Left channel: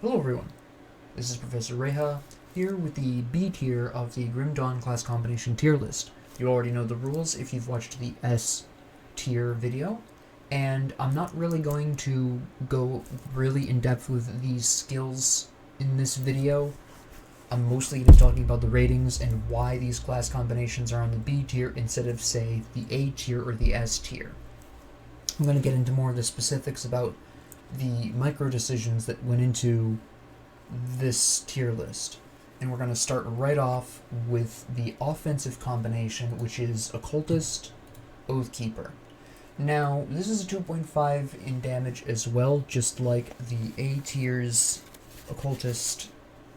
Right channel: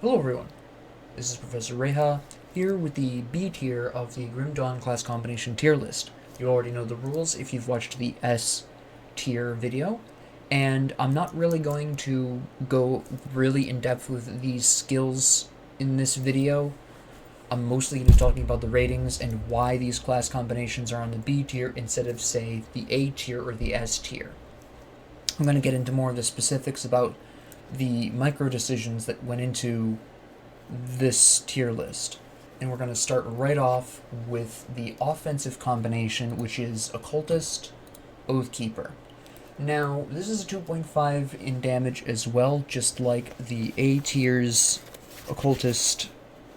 Hello everyone, this is Professor Reha, here with the B tier of the Grim Dawn class combination tier list. You already know the rules if you've watched the S tier video, and I'm not really going to go really in depth with these skills in this video. I'm mostly going to be talking about the ratings and why these class combinations are on the B tier instead of, say, the A tier or the S tier. I'm going to get into more of the specifics about the micro decisions that went into this tier list. And we're going to start right off with the offensive combination, which is Occultist, Oathkeeper. Now, this is a 2.5 in damage as well, just like the A tier's Occultist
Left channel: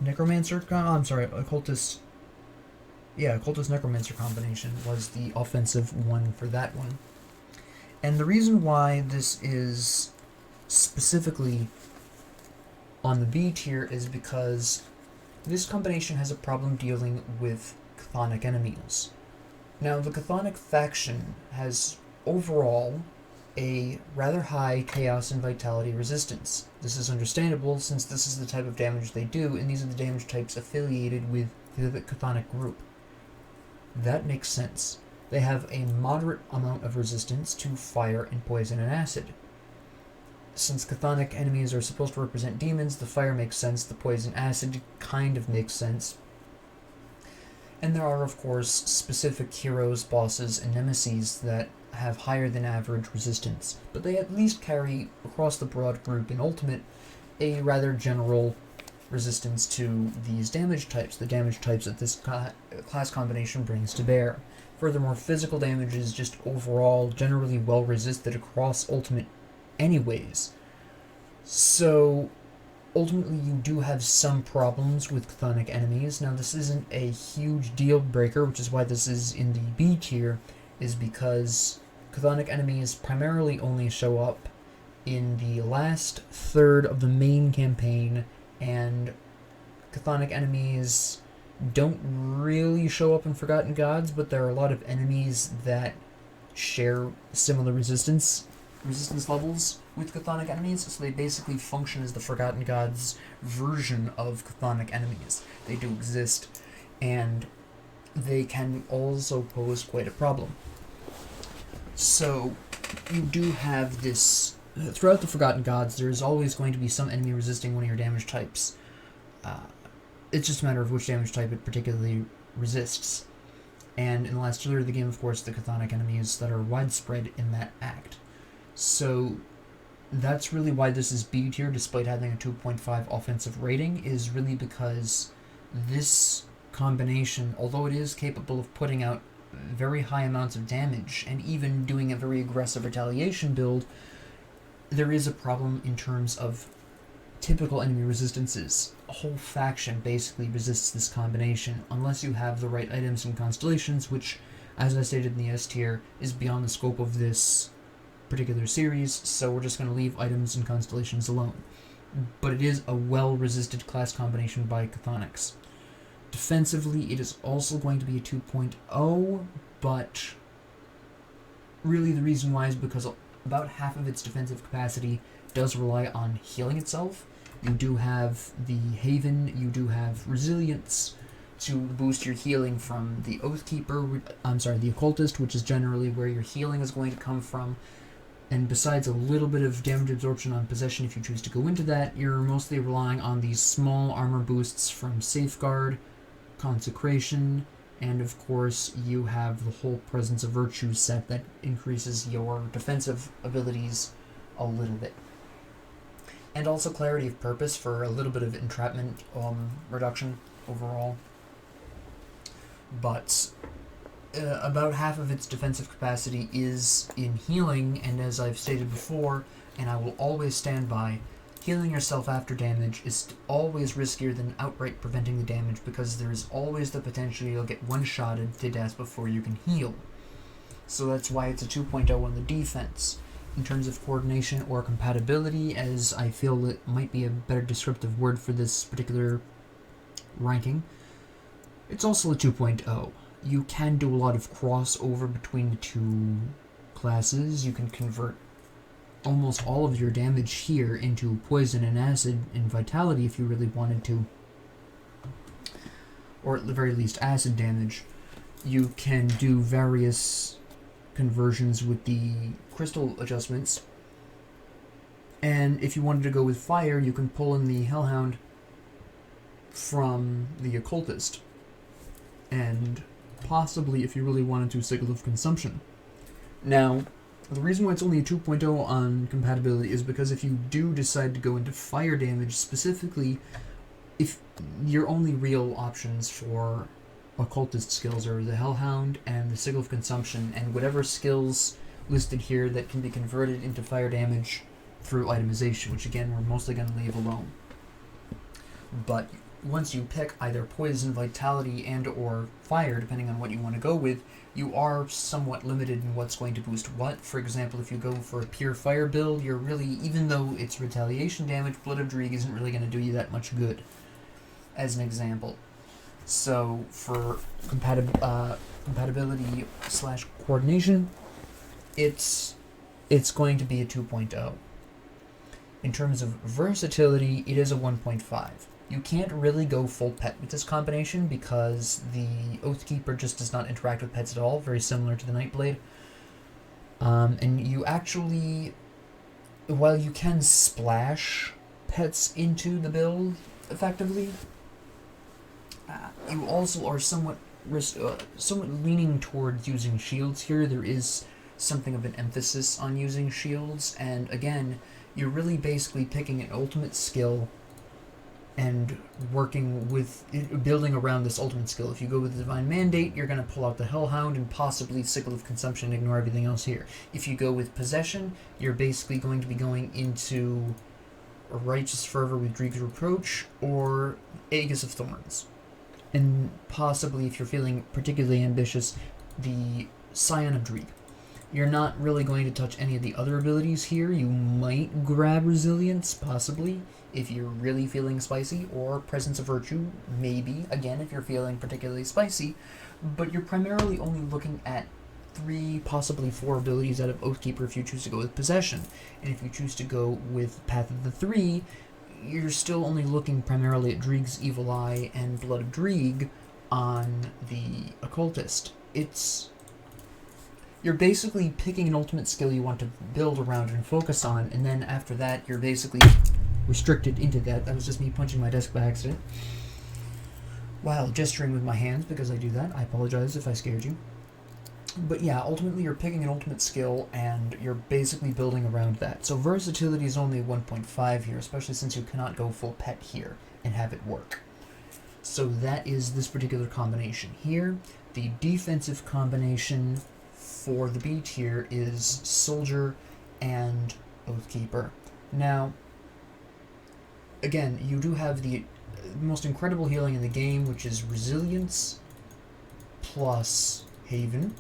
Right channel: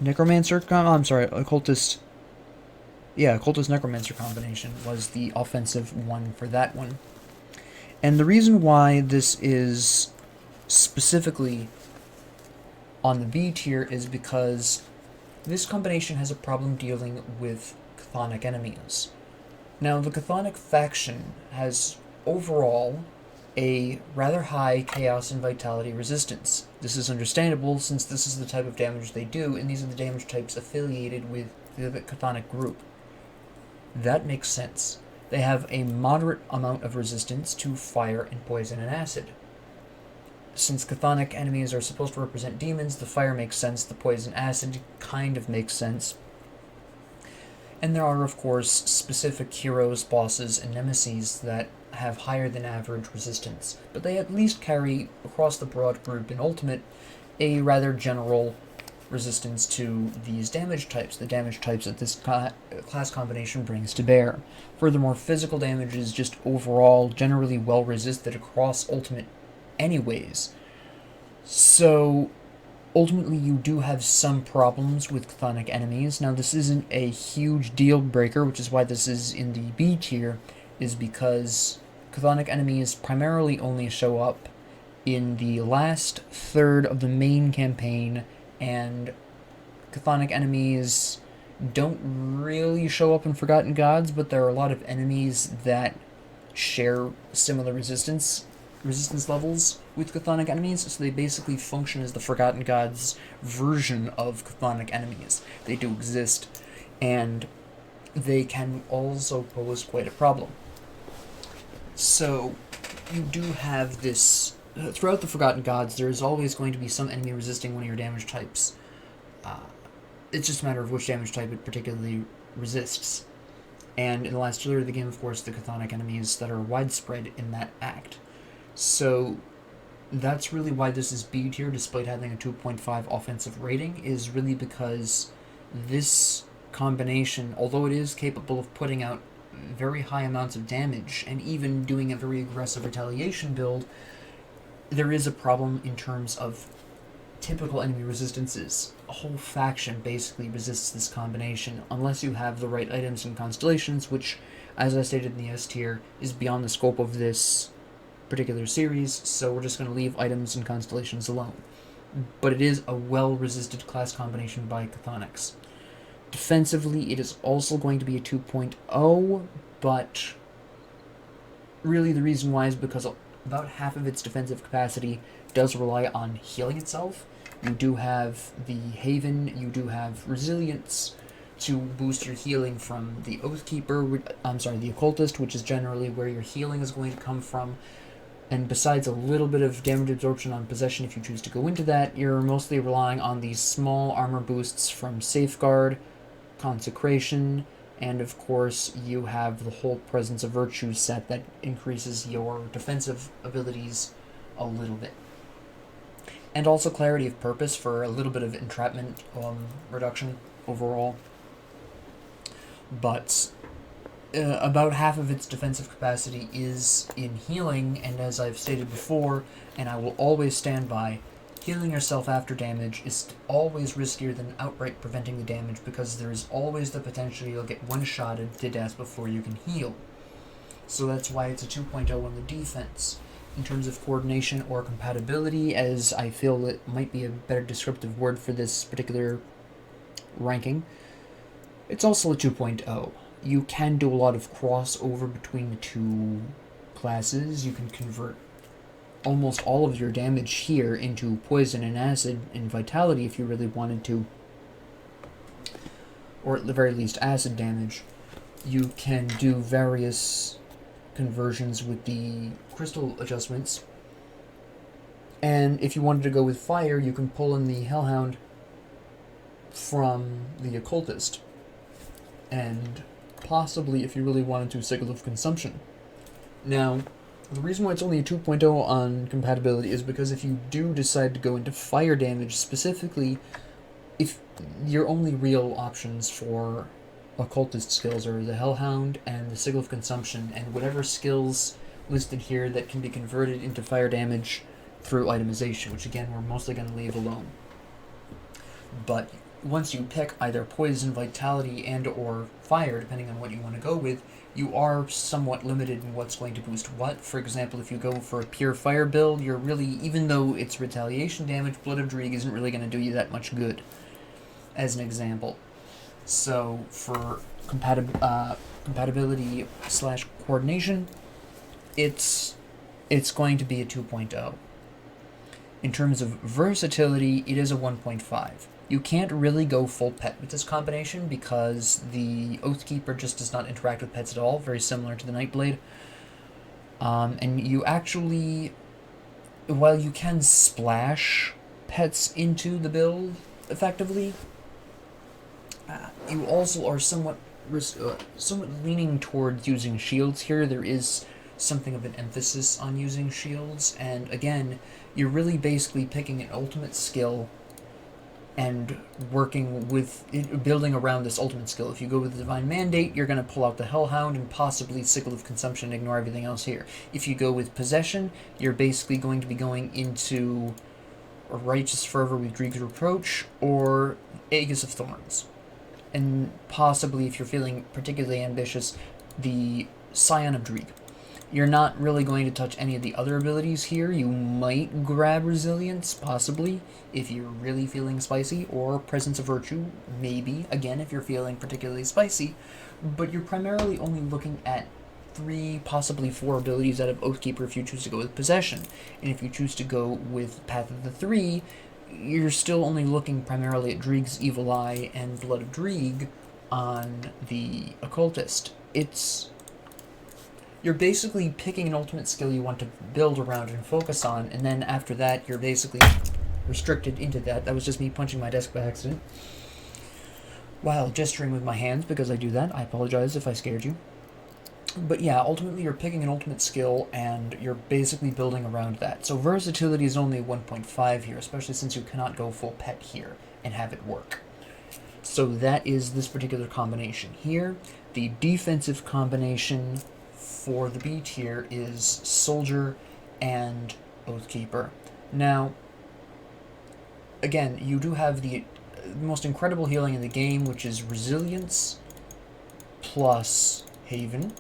Necromancer. Occultist Necromancer combination was the offensive one for that one. And the reason why this is specifically on the B tier is because this combination has a problem dealing with chthonic enemies. Now, the chthonic faction has overall a rather high chaos and vitality resistance. This is understandable since this is the type of damage they do, and these are the damage types affiliated with the chthonic group. That makes sense. They have a moderate amount of resistance to fire and poison and acid. Since chthonic enemies are supposed to represent demons, the fire makes sense, the poison acid kind of makes sense. And there are, of course, specific heroes, bosses, and nemeses that have higher than average resistance, but they at least carry, across the broad group in Ultimate, a rather general resistance to these damage types, the damage types that this class combination brings to bear. Furthermore, physical damage is just overall generally well resisted across Ultimate anyways. So, ultimately you do have some problems with chthonic enemies. Now, this isn't a huge deal breaker, which is why this is in the B tier, is because chthonic enemies primarily only show up in the last third of the main campaign, and chthonic enemies don't really show up in Forgotten Gods, but there are a lot of enemies that share similar resistance levels with chthonic enemies, so they basically function as the Forgotten Gods version of chthonic enemies. They do exist, and they can also pose quite a problem. So, you do have this. Throughout the Forgotten Gods, there is always going to be some enemy resisting one of your damage types. It's just a matter of which damage type it particularly resists. And in the last tier of the game, of course, the chthonic enemies that are widespread in that act. So that's really why this is B tier, despite having a 2.5 offensive rating, is really because this combination, although it is capable of putting out very high amounts of damage and even doing a very aggressive retaliation build, there is a problem in terms of typical enemy resistances. A whole faction basically resists this combination unless you have the right items and constellations, which, as I stated in the S tier, is beyond the scope of this particular series, so we're just going to leave items and constellations alone. But it is a well-resisted class combination by chthonics. Defensively, it is also going to be a 2.0, but really the reason why is because about half of its defensive capacity does rely on healing itself. You do have the Haven, you do have Resilience to boost your healing from the the Occultist, which is generally where your healing is going to come from. And besides a little bit of damage absorption on possession if you choose to go into that, you're mostly relying on these small armor boosts from Safeguard, Consecration, and of course you have the whole Presence of Virtue set that increases your defensive abilities a little bit. And also Clarity of Purpose for a little bit of entrapment reduction overall. But about half of its defensive capacity is in healing, and as I've stated before, and I will always stand by, healing yourself after damage is always riskier than outright preventing the damage, because there is always the potential you'll get one-shotted to death before you can heal. So that's why it's a 2.0 on the defense. In terms of coordination or compatibility, as I feel it might be a better descriptive word for this particular ranking, it's also a 2.0. You can do a lot of crossover between the two classes. You can convert almost all of your damage here into poison and acid and vitality if you really wanted to, or at the very least acid damage. You can do various conversions with the crystal adjustments, and if you wanted to go with fire, you can pull in the Hellhound from the Occultist, and possibly, if you really wanted to, Sickle of Consumption. Now, the reason why it's only a 2.0 on compatibility is because if you do decide to go into fire damage specifically, if your only real options for Occultist skills are the Hellhound and the Sickle of Consumption, and whatever skills listed here that can be converted into fire damage through itemization, which again we're mostly going to leave alone. But once you pick either poison, vitality, and or fire, depending on what you want to go with, you are somewhat limited in what's going to boost what. For example, if you go for a pure fire build, you're really, even though it's retaliation damage, Blood of Dreeg isn't really going to do you that much good, as an example. So for compatibility / coordination, it's going to be a 2.0. In terms of versatility, it is a 1.5. You can't really go full pet with this combination because the Oathkeeper just does not interact with pets at all, very similar to the Nightblade. And you actually, while you can splash pets into the build effectively, you also are somewhat leaning towards using shields here. There is something of an emphasis on using shields, and again, you're really basically picking an ultimate skill and working with building around this ultimate skill. If you go with the Divine Mandate, you're going to pull out the Hellhound and possibly Sickle of Consumption and ignore everything else here. If you go with Possession, you're basically going to be going into a Righteous Fervor with Dreeg's Reproach or Aegis of Thorns. And possibly, if you're feeling particularly ambitious, the Scion of Dreeg. You're not really going to touch any of the other abilities here. You might grab Resilience, possibly, if you're really feeling spicy, or Presence of Virtue, maybe, again, if you're feeling particularly spicy, but you're primarily only looking at 3, possibly 4 abilities out of Oathkeeper if you choose to go with Possession. And if you choose to go with Path of the 3, you're still only looking primarily at Dreeg's Evil Eye and Blood of Dreeg on the Occultist. You're basically picking an ultimate skill you want to build around and focus on, and then after that, you're basically restricted into that. That was just me punching my desk by accident while gesturing with my hands, because I do that. I apologize if I scared you. But yeah, ultimately you're picking an ultimate skill, and you're basically building around that. So versatility is only 1.5 here, especially since you cannot go full pet here and have it work. So that is this particular combination here. The defensive combination for the B tier is Soldier and Oathkeeper. Now, again, you do have the most incredible healing in the game, which is Resilience plus Haven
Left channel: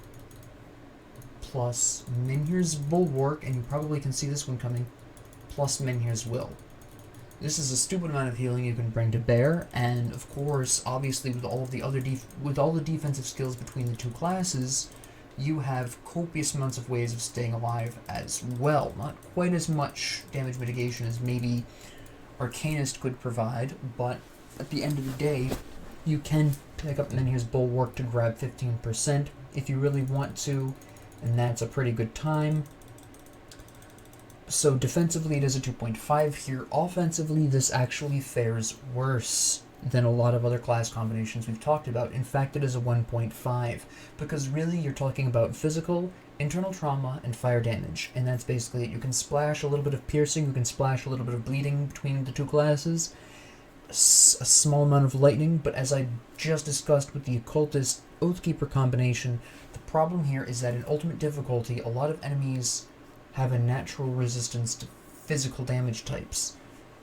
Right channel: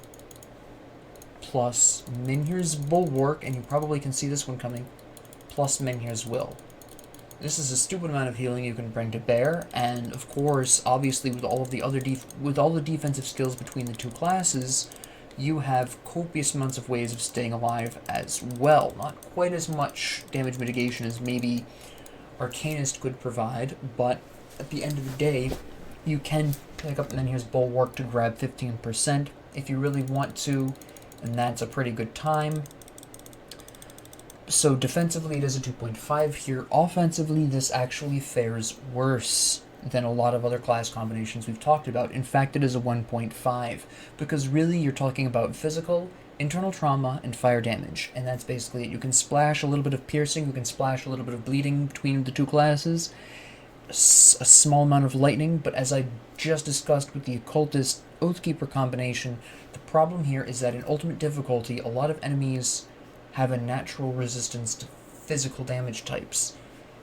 plus Menhir's Bulwark, and you probably can see this one coming, plus Menhir's Will. This is a stupid amount of healing you can bring to bear, and of course, obviously, with all of the other defensive skills between the two classes, you have copious amounts of ways of staying alive as well. Not quite as much damage mitigation as maybe Arcanist could provide, but at the end of the day, you can pick up Menhir's Bulwark to grab 15% if you really want to, and that's a pretty good time. So defensively it is a 2.5 here. Offensively, this actually fares worse than a lot of other class combinations we've talked about. In fact, it is a 1.5, because really you're talking about physical, internal trauma, and fire damage, and that's basically it. You can splash a little bit of piercing, you can splash a little bit of bleeding between the two classes, a small amount of lightning, but as I just discussed with the Occultist Oathkeeper combination, the problem here is that in ultimate difficulty, a lot of enemies have a natural resistance to physical damage types.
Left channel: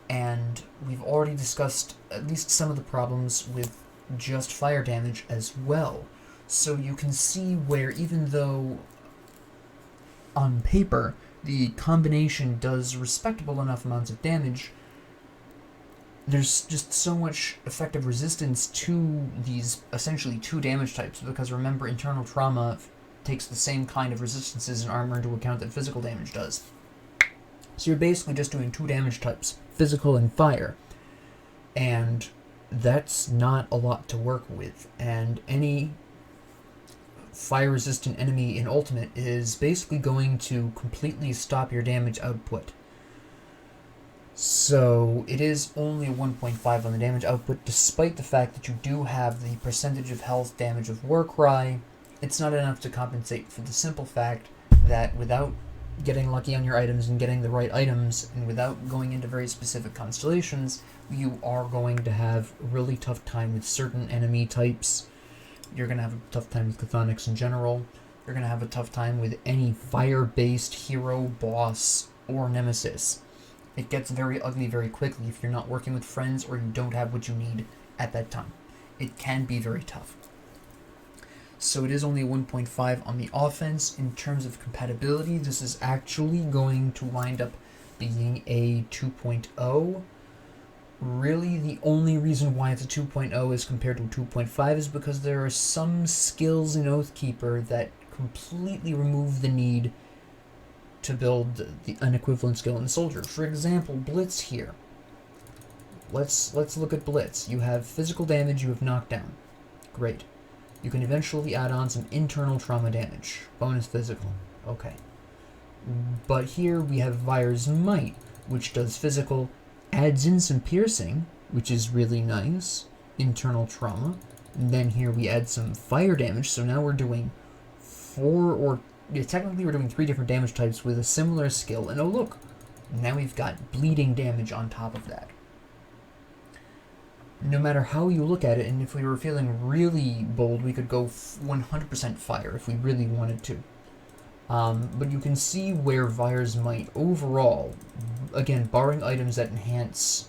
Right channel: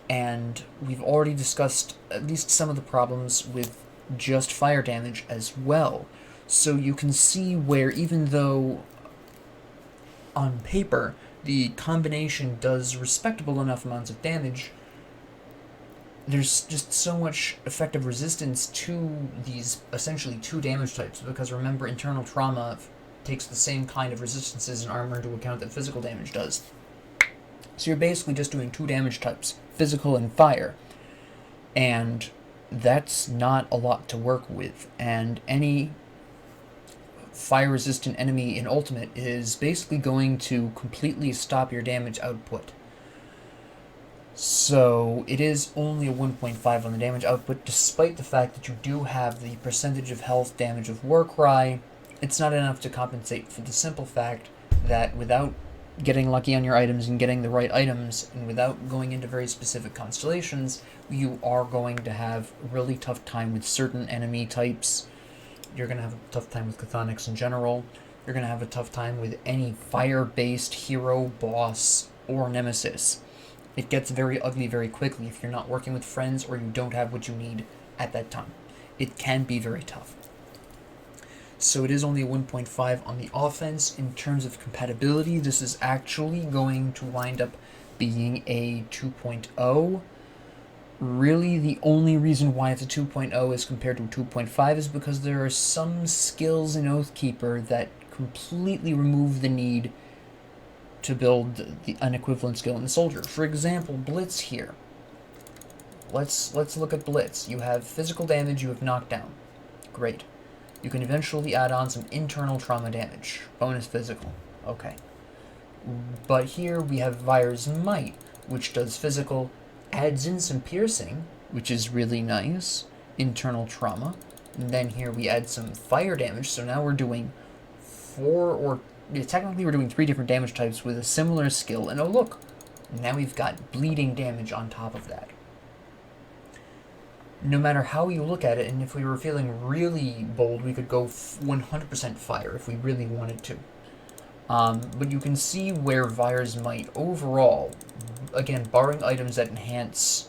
And we've already discussed at least some of the problems with just fire damage as well. So you can see where, even though on paper the combination does respectable enough amounts of damage, there's just so much effective resistance to these essentially 2 damage types, because remember, internal trauma takes the same kind of resistances and armor into account that physical damage does. So you're basically just doing 2 damage types, physical and fire. And that's not a lot to work with. And any fire-resistant enemy in Ultimate is basically going to completely stop your damage output. So it is only a 1.5 on the damage output, despite the fact that you do have the percentage of health damage of Warcry. It's not enough to compensate for the simple fact that without getting lucky on your items and getting the right items, and without going into very specific constellations, you are going to have a really tough time with certain enemy types. You're going to have a tough time with Chthonics in general. You're going to have a tough time with any fire-based hero, boss, or nemesis. It gets very ugly very quickly if you're not working with friends or you don't have what you need at that time. It can be very tough. So it is only a 1.5 on the offense. In terms of compatibility, this is actually going to wind up being a 2.0. Really, the only reason why it's a 2.0 as compared to a 2.5 is because there are some skills in Oathkeeper that completely remove the need to build an equivalent skill in the Soldier. For example, Blitz here. Let's look at Blitz. You have physical damage, you have knockdown. Great. You can eventually add on some internal trauma damage. Bonus physical. Okay. But here we have Vire's Might, which does physical, adds in some piercing, which is really nice. Internal trauma. And then here we add some fire damage, so now we're doing technically we're doing 3 different damage types with a similar skill. And oh look, now we've got bleeding damage on top of that. No matter how you look at it, and if we were feeling really bold, we could go 100% fire if we really wanted to. But you can see where Vire's Might overall, again, barring items that enhance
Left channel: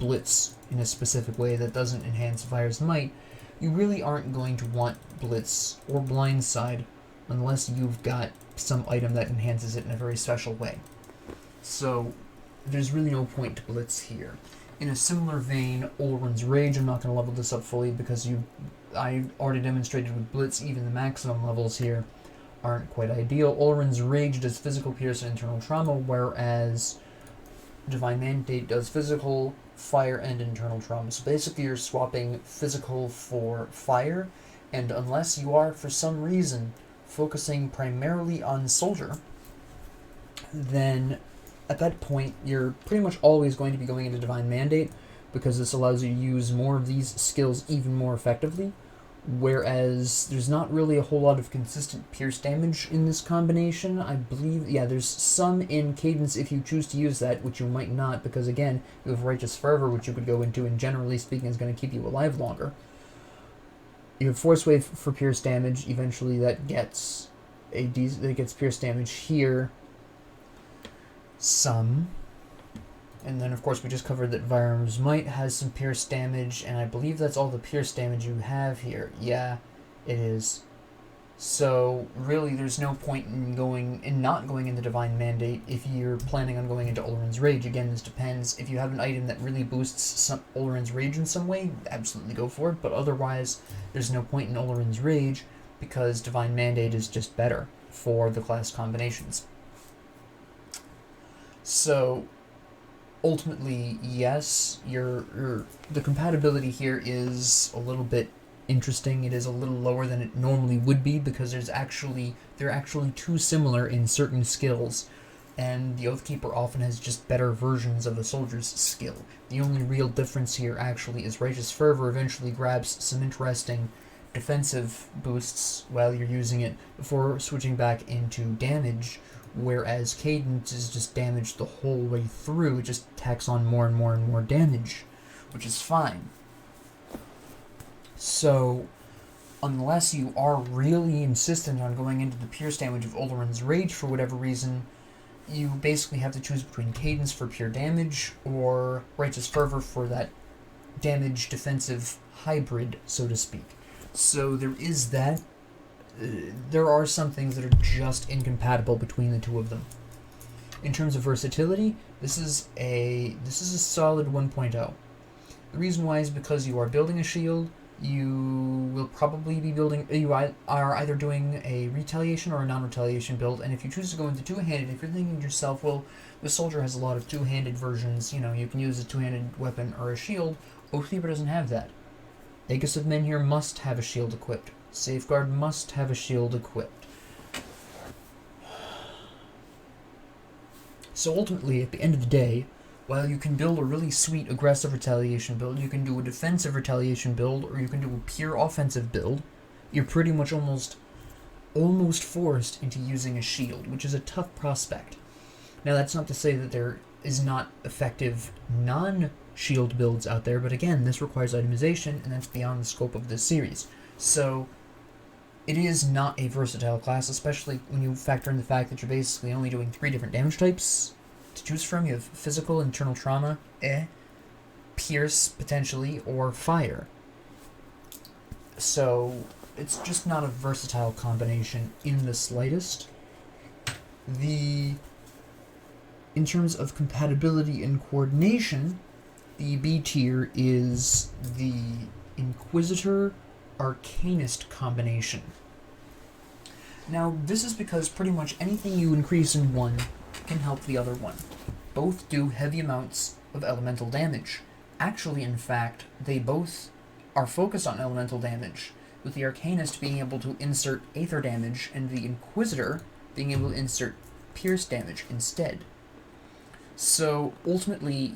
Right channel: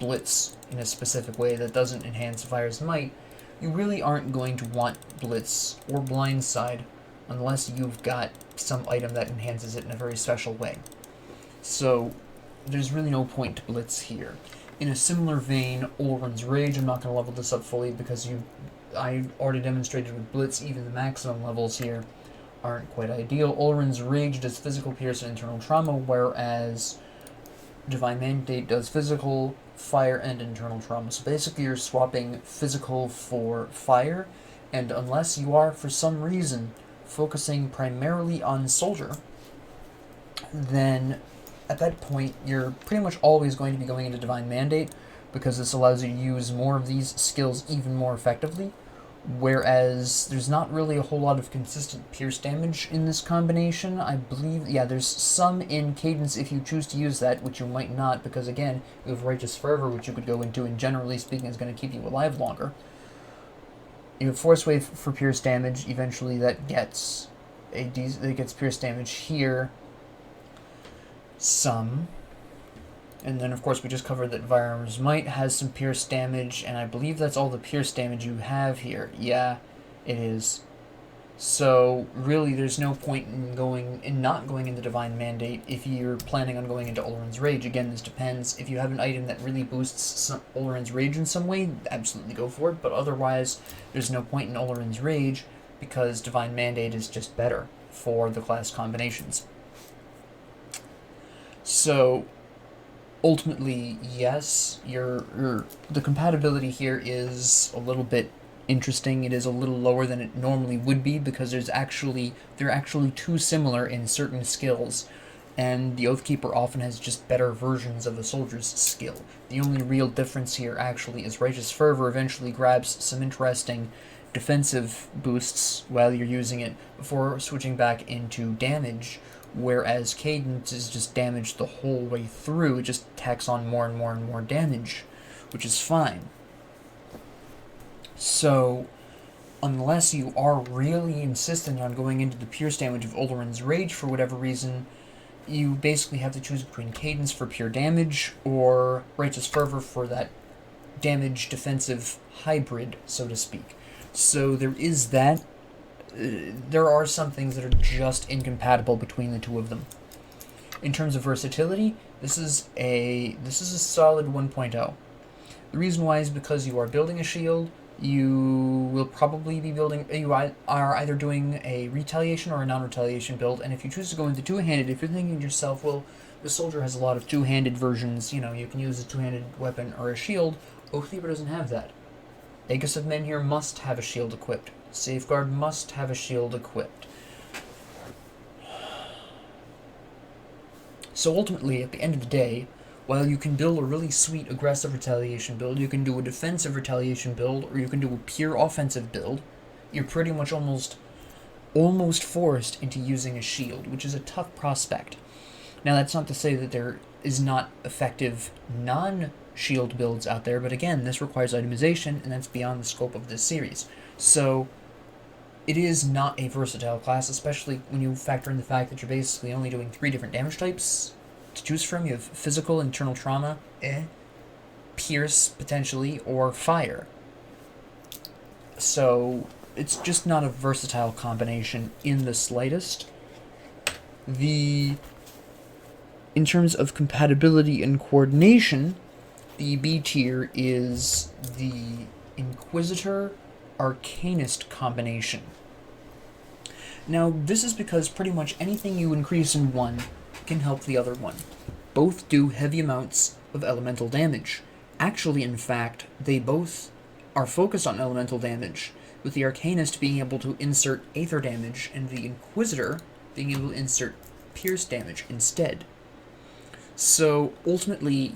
Blitz in a specific way that doesn't enhance Vire's Might, you really aren't going to want Blitz or Blindside unless you've got some item that enhances it in a very special way. So there's really no point to Blitz here. In a similar vein, Oren's Rage, I'm not going to level this up fully because I already demonstrated with Blitz, even the maximum levels here aren't quite ideal. Oren's Rage does physical, pierce, and internal trauma, whereas Divine Mandate does physical, fire, and internal trauma. So basically you're swapping physical for fire, and unless you are, for some reason, focusing primarily on Soldier, then at that point you're pretty much always going to be going into Divine Mandate, because this allows you to use more of these skills even more effectively, whereas there's not really a whole lot of consistent pierce damage in this combination. I believe, yeah, there's some in Cadence if you choose to use that, which you might not, because again, you have Righteous Fervor, which you could go into, and generally speaking is going to keep you alive longer. You have Force Wave for pierce damage. Eventually that gets pierce damage here. Some. And then, of course, we just covered that Vire's Might has some pierce damage, and I believe that's all the pierce damage you have here. Yeah, it is. So, really, there's no point in not going into Divine Mandate if you're planning on going into Oren's Rage. Again, this depends. If you have an item that really boosts Oren's Rage in some way, absolutely go for it, but otherwise, there's no point in Oren's Rage, because Divine Mandate is just better for the class combinations. So, ultimately, yes, the compatibility here is a little bit interesting. It is a little lower than it normally would be, because they're actually too similar in certain skills, and the Oathkeeper often has just better versions of a soldier's skill. The only real difference here actually is Righteous Fervor eventually grabs some interesting defensive boosts while you're using it before switching back into damage, whereas Cadence is just damage the whole way through. It just tacks on more and more and more damage, which is fine. So, unless you are really insistent on going into the pierce damage of Oren's Rage for whatever reason, you basically have to choose between Cadence for pure damage or Righteous Fervor for that damage defensive hybrid, so to speak. So there is that. There are some things that are just incompatible between the two of them. In terms of versatility, this is a solid 1.0. The reason why is because you are building a shield. You will probably be you are either doing a retaliation or a non-retaliation build, and if you choose to go into two-handed, if you're thinking to yourself, well, the soldier has a lot of two-handed versions. You know, you can use a two-handed weapon or a shield. Oathkeeper doesn't have that. Aegis of Menhir must have a shield equipped. Safeguard must have a shield equipped. So ultimately, at the end of the day, while you can build a really sweet aggressive retaliation build, you can do a defensive retaliation build, or you can do a pure offensive build, you're pretty much almost forced into using a shield, which is a tough prospect. Now, that's not to say that there is not effective non-shield builds out there, but again, this requires itemization, and that's beyond the scope of this series. So, it is not a versatile class, especially when you factor in the fact that you're basically only doing 3 different damage types to choose from. You have physical, internal trauma, pierce, potentially, or fire. So, it's just not a versatile combination in the slightest. In terms of compatibility and coordination, the B tier is the Inquisitor Arcanist combination. Now, this is because pretty much anything you increase in one can help the other one. Both do heavy amounts of elemental damage. Actually, in fact, they both are focused on elemental damage, with the Arcanist being able to insert Aether damage and the Inquisitor being able to insert Pierce damage instead. So, ultimately,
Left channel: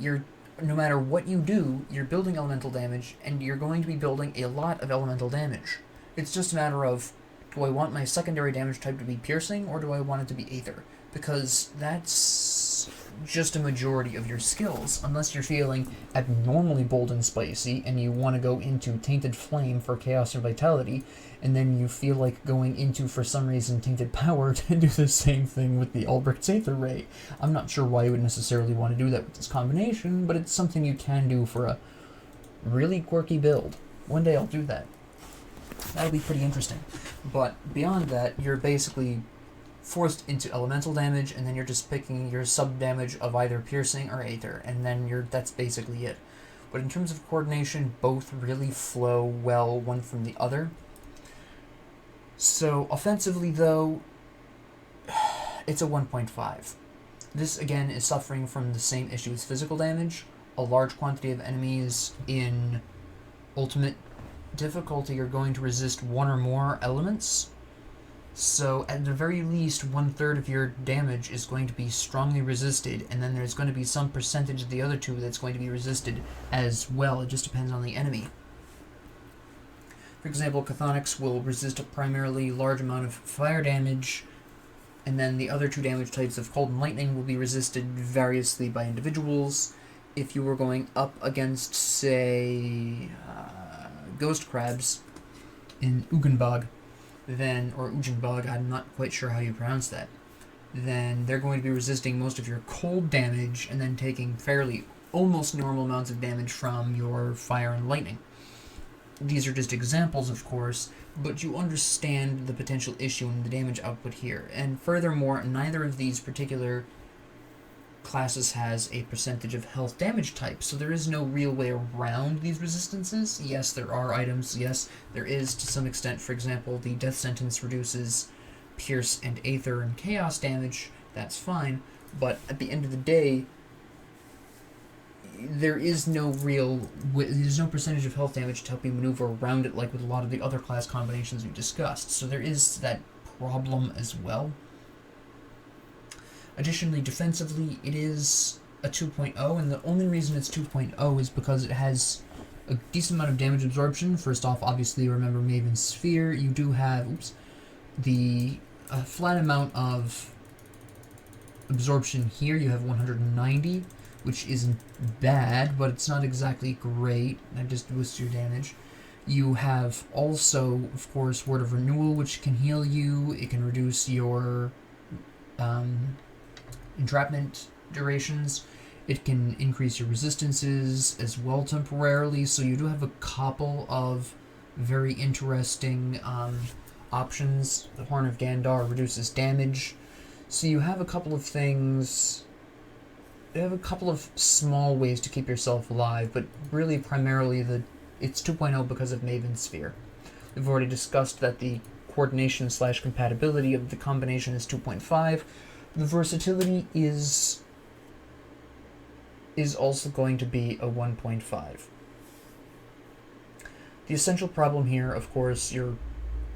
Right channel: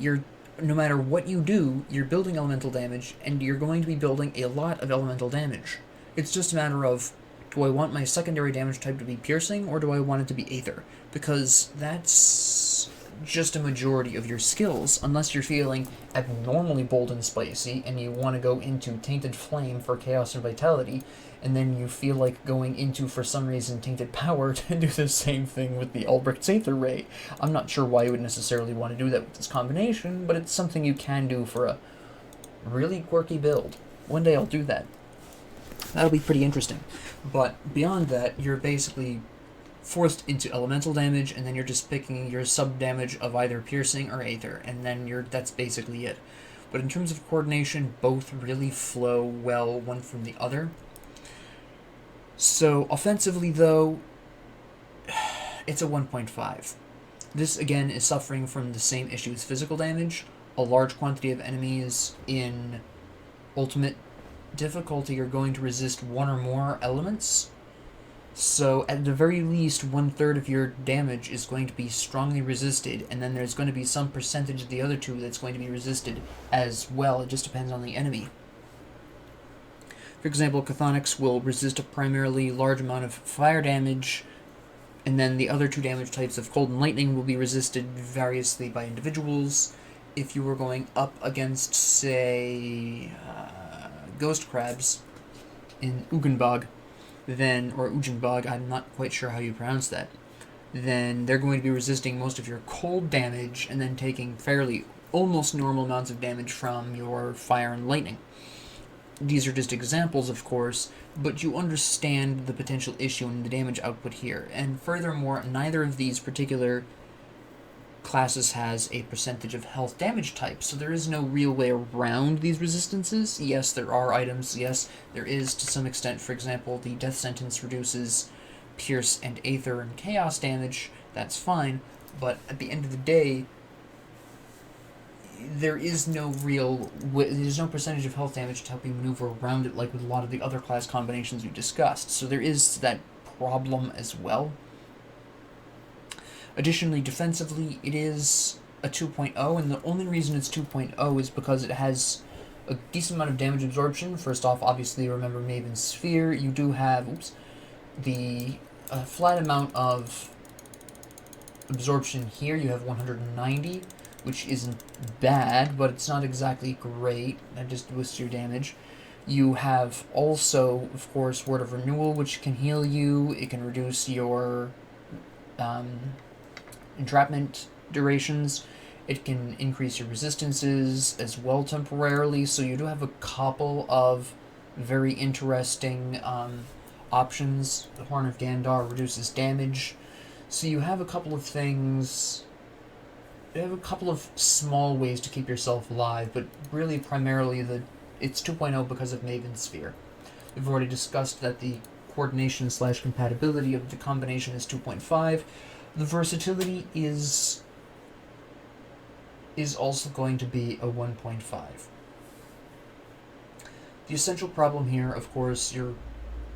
no matter what you do, you're building elemental damage, and you're going to be building a lot of elemental damage. It's just a matter of, do I want my secondary damage type to be piercing, or do I want it to be Aether? Because that's just a majority of your skills, unless you're feeling abnormally bold and spicy, and you want to go into Tainted Flame for Chaos and Vitality, and then you feel like going into, for some reason, Tainted Power to do the same thing with the Albrecht's Aether Ray. I'm not sure why you would necessarily want to do that with this combination, but it's something you can do for a really quirky build. One day I'll do that. That'll be pretty interesting. But beyond that, you're basically forced into elemental damage, and then you're just picking your sub-damage of either piercing or Aether, and then that's basically it. But in terms of coordination, both really flow well one from the other. So, offensively, though, it's a 1.5. This, again, is suffering from the same issue as physical damage. A large quantity of enemies in ultimate difficulty are going to resist one or more elements. So, at the very least, 1/3 of your damage is going to be strongly resisted, and then there's going to be some percentage of the other two that's going to be resisted as well. It just depends on the enemy. For example, Chthonics will resist a primarily large amount of fire damage, and then the other two damage types of Cold and Lightning will be resisted variously by individuals. If you were going up against, say, Ghost Crabs in Ugenbog, or Ugenbog, I'm not quite sure how you pronounce that, then they're going to be resisting most of your cold damage and then taking fairly almost normal amounts of damage from your fire and lightning. These are just examples, of course, but you understand the potential issue in the damage output here. And furthermore, neither of these particular classes has a percentage of health damage type, so there is no real way around these resistances. Yes, there are items. Yes, there is to some extent. For example, the Death Sentence reduces Pierce and Aether and Chaos damage. That's fine, but at the end of the day, there's no percentage of health damage to help you maneuver around it like with a lot of the other class combinations we discussed. So there is that problem as well. Additionally, defensively, it is a 2.0, and the only reason it's 2.0 is because it has a decent amount of damage absorption. First off, obviously, remember Maven's Sphere. You do have the flat amount of absorption here. You have 190, which isn't bad, but it's not exactly great. That just boosts your damage. You have also, of course, Word of Renewal, which can heal you. It can reduce your entrapment durations. It can increase your resistances as well temporarily, so you do have a couple of very interesting options. The Horn of Gandar reduces damage. So you have a couple of things. You have a couple of small ways to keep yourself alive, but really primarily it's 2.0 because of Maven's Sphere. We've already discussed that the coordination/compatibility of the combination is 2.5. The versatility is is also going to be a 1.5. The essential problem here, of course, you're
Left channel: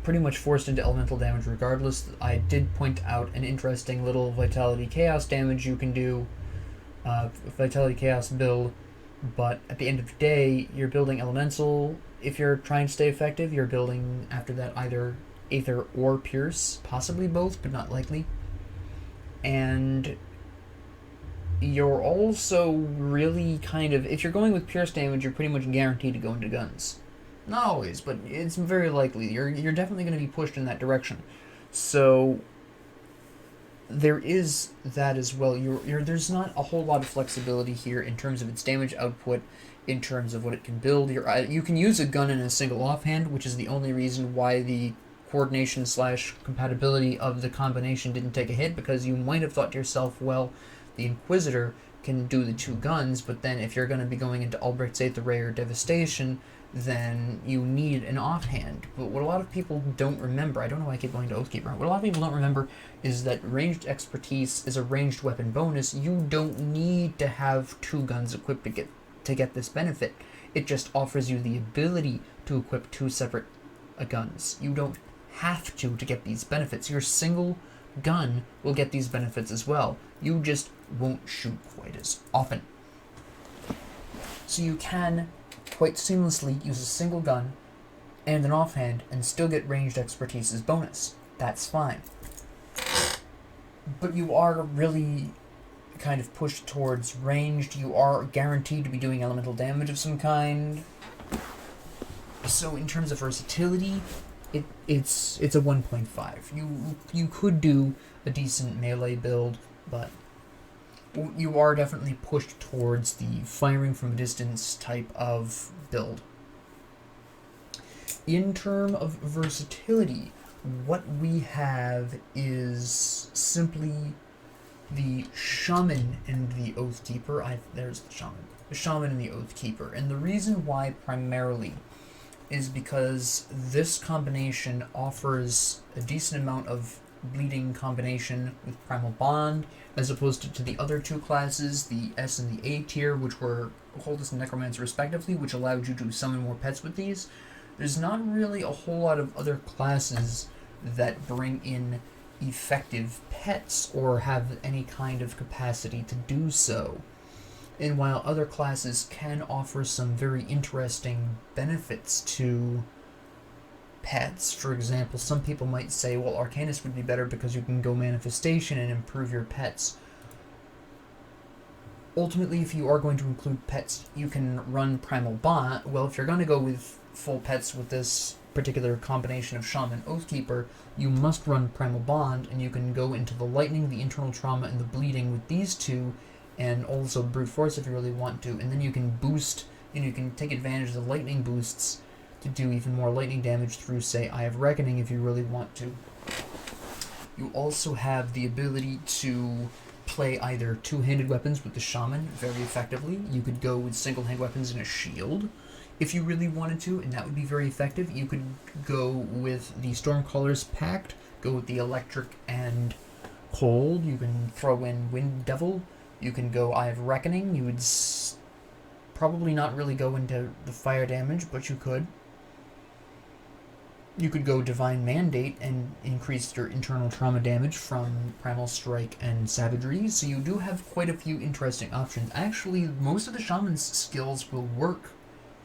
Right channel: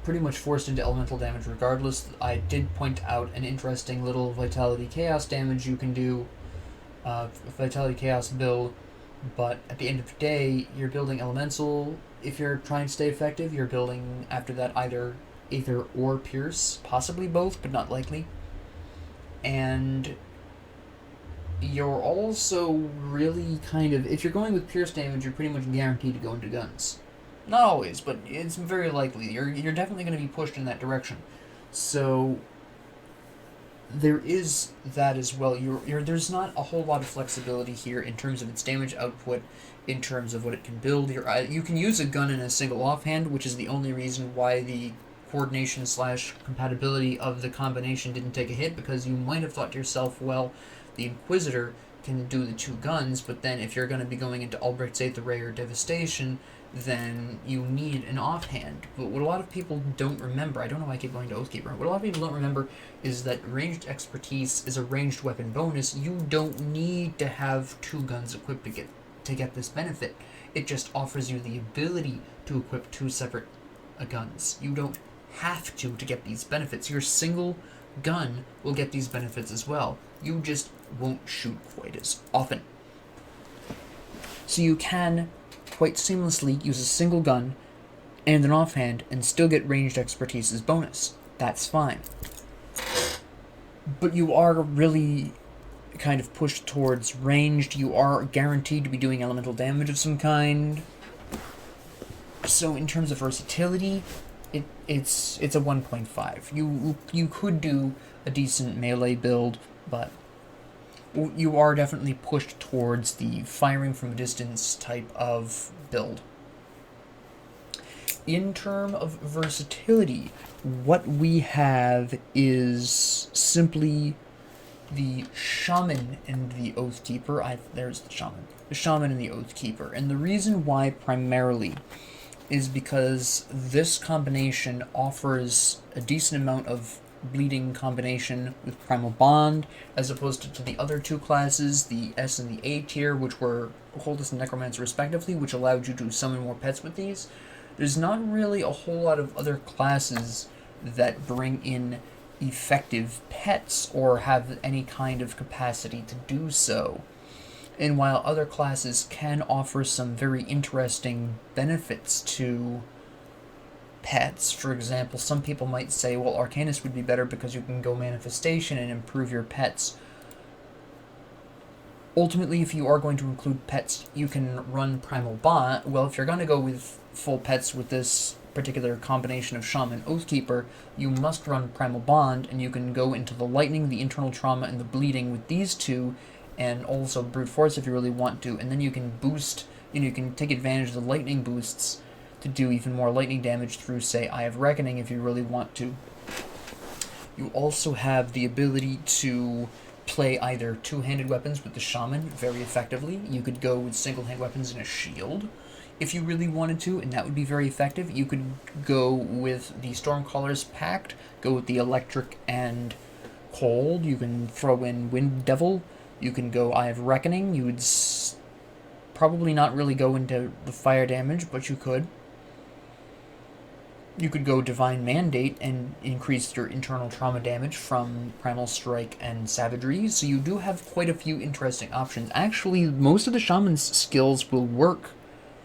pretty much forced into elemental damage regardless. I did point out an interesting little Vitality Chaos damage you can do, Vitality Chaos build, but at the end of the day, you're building Elemental. If you're trying to stay effective, you're building after that either Aether or Pierce, possibly both, but not likely. And you're also really kind of, if you're going with Pierce damage, you're pretty much guaranteed to go into guns. Not always, but it's very likely. You're definitely going to be pushed in that direction. So there is that as well. There's not a whole lot of flexibility here in terms of its damage output, in terms of what it can build. You can use a gun in a single offhand, which is the only reason why the coordination / compatibility of the combination didn't take a hit, because you might have thought to yourself, well, the Inquisitor can do the 2 guns, but then if you're going to be going into Albrecht's Aether Ray or Devastation, then you need an offhand. But what a lot of people don't remember, I don't know why I keep going to Oathkeeper, what a lot of people don't remember is that ranged expertise is a ranged weapon bonus. You don't need to have 2 guns equipped to get this benefit. It just offers you the ability to equip 2 separate guns. You don't have to get these benefits. Your single gun will get these benefits as well. You just won't shoot quite as often. So you can quite seamlessly use a single gun and an offhand and still get ranged expertise as bonus. That's fine. But you are really kind of pushed towards ranged. You are guaranteed to be doing elemental damage of some kind. So in terms of versatility, it's a 1.5. You could do a decent melee build, but you are definitely pushed towards the firing from a distance type of build. In terms of versatility, what we have is simply the Shaman and the Oathkeeper. There's the Shaman. The Shaman and the Oathkeeper. And the reason why primarily is because this combination offers a decent amount of bleeding combination with Primal Bond, as opposed to the other 2 classes, the S and the A tier, which were Occultist and Necromancer respectively, which allowed you to summon more pets with these. There's not really a whole lot of other classes that bring in effective pets or have any kind of capacity to do so. And while other classes can offer some very interesting benefits to pets, for example, some people might say, well, Arcanist would be better because you can go Manifestation and improve your pets. Ultimately, if you are going to include pets, you can run Primal Bond. Well, if you're going to go with full pets with this particular combination of Shaman Oathkeeper, you must run Primal Bond, and you can go into the Lightning, the Internal Trauma, and the Bleeding with these 2, and also Brute Force if you really want to, and then you can boost, you can take advantage of the Lightning boosts to do even more lightning damage through, say, Eye of Reckoning if you really want to. You also have the ability to play either 2-handed weapons with the Shaman very effectively. You could go with single-hand weapons and a shield if you really wanted to, and that would be very effective. You could go with the Stormcaller's Pact, go with the Electric and Cold. You can throw in Wind Devil. You can go Eye of Reckoning. You would probably not really go into the fire damage, but you could. You could go Divine Mandate and increase your internal trauma damage from Primal Strike and Savagery, so you do have quite a few interesting options. Actually, most of the Shaman's skills will work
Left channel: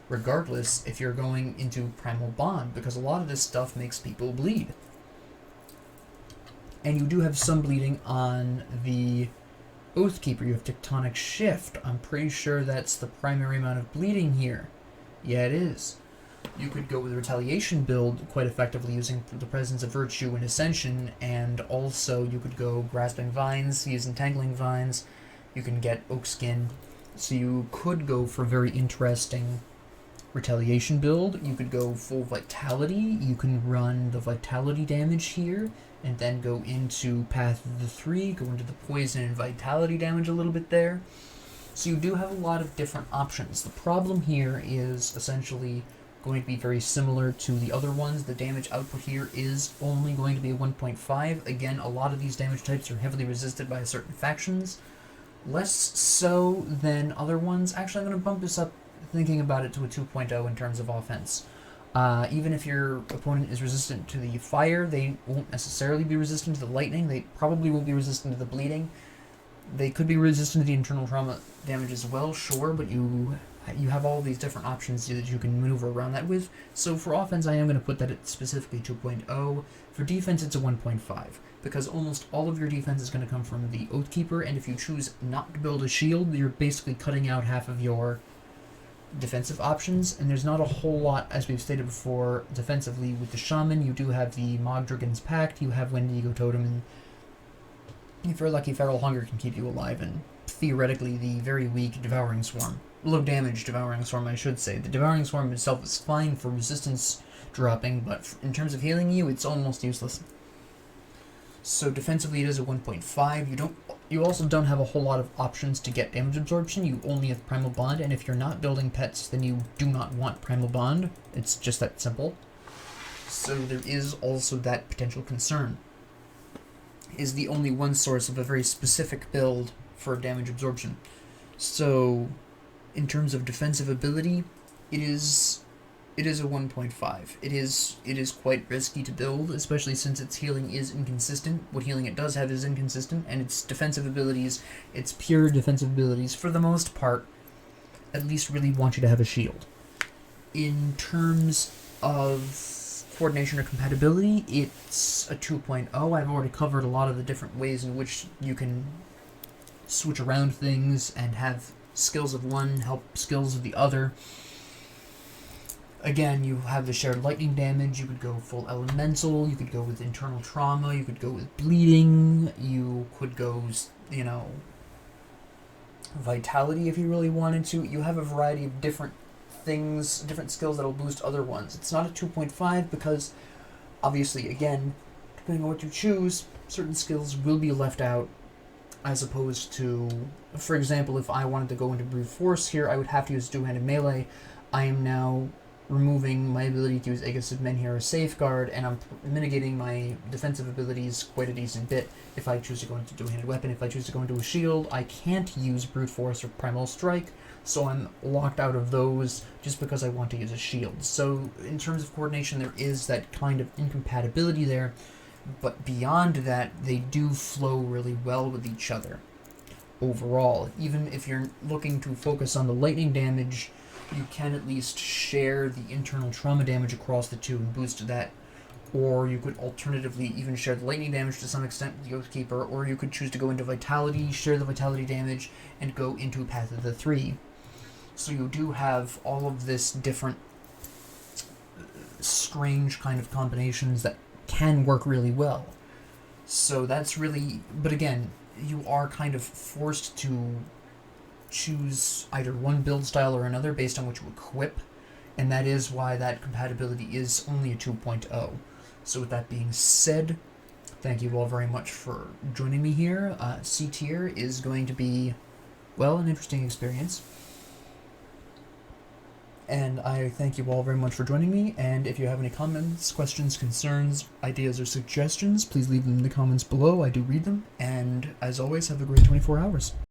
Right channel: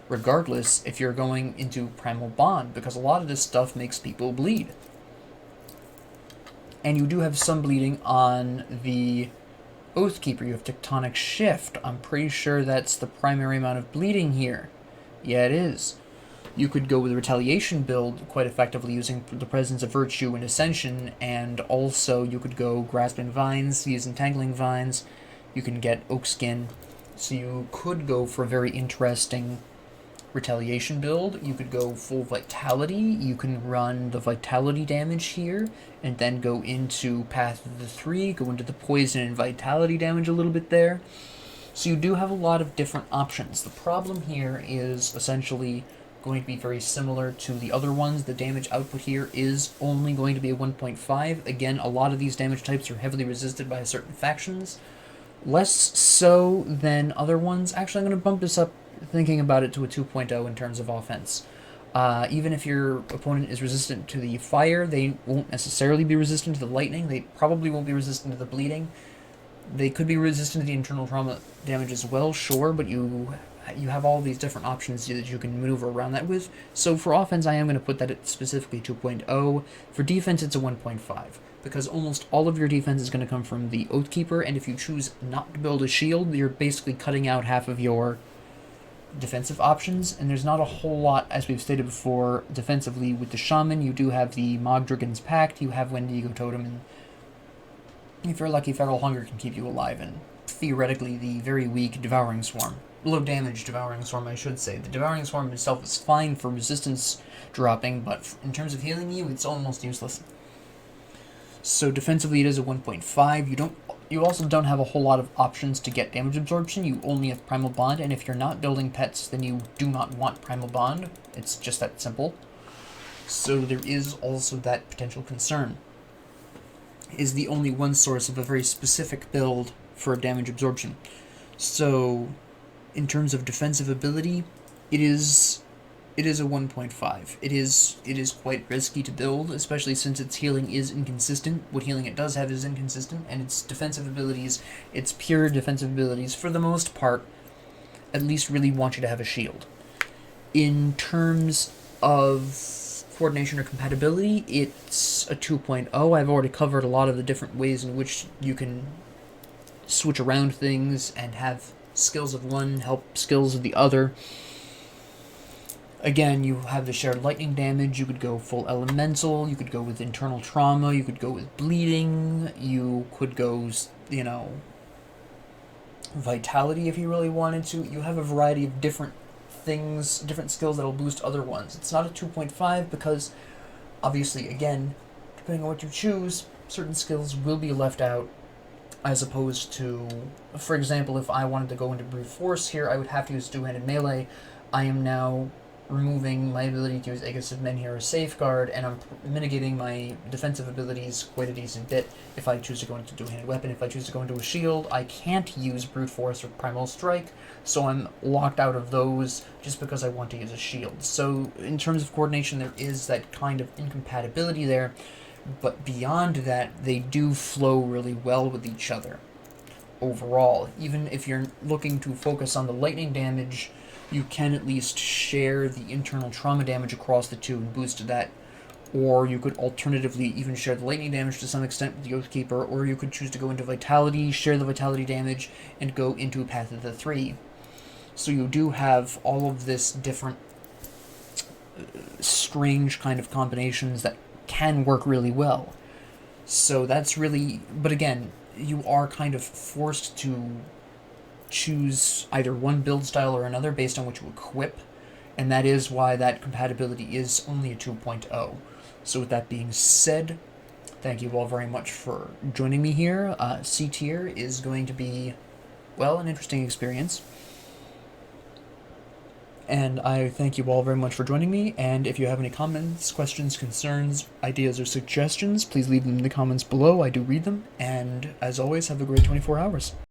regardless if you're going into Primal Bond, because a lot of this stuff makes people bleed. And you do have some bleeding on the Oathkeeper. You have Tectonic Shift. I'm pretty sure that's the primary amount of bleeding here. Yeah, it is. You could go with a Retaliation build quite effectively using the Presence of Virtue and Ascension, and also you could go Grasping Vines, use Entangling Vines. You can get Oak Skin. So you could go for a very interesting Retaliation build. You could go full Vitality. You can run the Vitality damage here, and then go into Path of the 3, go into the Poison and Vitality damage a little bit there. So you do have a lot of different options. The problem here is essentially going to be very similar to the other ones. The damage output here is only going to be a 1.5. Again, a lot of these damage types are heavily resisted by certain factions, Less so than other ones. Actually, I'm going to bump this up, thinking about it, to a 2.0 in terms of offense. Even if your opponent is resistant to the fire, they won't necessarily be resistant to the lightning. They probably won't be resistant to the bleeding. They could be resistant to the internal trauma damage as well, sure, but you have all these different options that you can maneuver around that with. So for offense, I am going to put that at specifically 2.0. For defense, it's a 1.5, because almost all of your defense is going to come from the Oathkeeper, and if you choose not to build a shield, you're basically cutting out half of your defensive options, and there's not a whole lot, as we've stated before, defensively with the Shaman. You do have the Mogdragon's Pact, you have Wendigo Totem, and if you're lucky, Feral Hunger can keep you alive, and theoretically the very weak Devouring Swarm. Low damage Devouring Swarm, I should say. The Devouring Swarm itself is fine for resistance dropping, but in terms of healing you, it's almost useless. So defensively it is a 1.5. You also don't have a whole lot of options to get damage absorption. You only have Primal Bond, and if you're not building pets, then you do not want Primal Bond. It's just that simple. So there is also that potential concern. Is the only one source of a very specific build for damage absorption. So, in terms of defensive ability, it is a 1.5. It is quite risky to build, especially since its healing is inconsistent. What healing it does have is inconsistent, and its defensive abilities, its pure defensive abilities, for the most part, at least really want you to have a shield. In terms of coordination or compatibility, it's a 2.0. I've already covered a lot of the different ways in which you can switch around things and have skills of one help skills of the other. Again, you have the shared lightning damage. You could go full elemental, you could go with internal trauma, you could go with bleeding, you could go, vitality if you really wanted to. You have a variety of different things, different skills that'll boost other ones. It's not a 2.5 because, obviously, again, depending on what you choose, certain skills will be left out, as opposed to, for example, if I wanted to go into brute force here, I would have to use two-handed melee. I am now removing my ability to use Aegis of Menhir as Safeguard, and I'm mitigating my defensive abilities quite a decent bit if I choose to go into two-handed weapon. If I choose to go into a shield, I can't use brute force or primal strike, so I'm locked out of those just because I want to use a shield. So in terms of coordination, there is that kind of incompatibility there, but beyond that, they do flow really well with each other overall. Even if you're looking to focus on the lightning damage, you can at least share the internal trauma damage across the two and boost that. Or you could alternatively even share the lightning damage to some extent with the Oathkeeper, or you could choose to go into Vitality, share the Vitality damage, and go into Path of the Three. So you do have all of this different strange kind of combinations that can work really well. So that's really... But again, you are kind of forced to choose either one build style or another based on what you equip, and that is why that compatibility is only a 2.0. So with that being said, thank you all very much for joining me here. C tier is going to be, well, an interesting experience. And I thank you all very much for joining me, and if you have any comments, questions, concerns, ideas, or suggestions, please leave them in the comments below. I do read them, and as always, have a great 24 hours.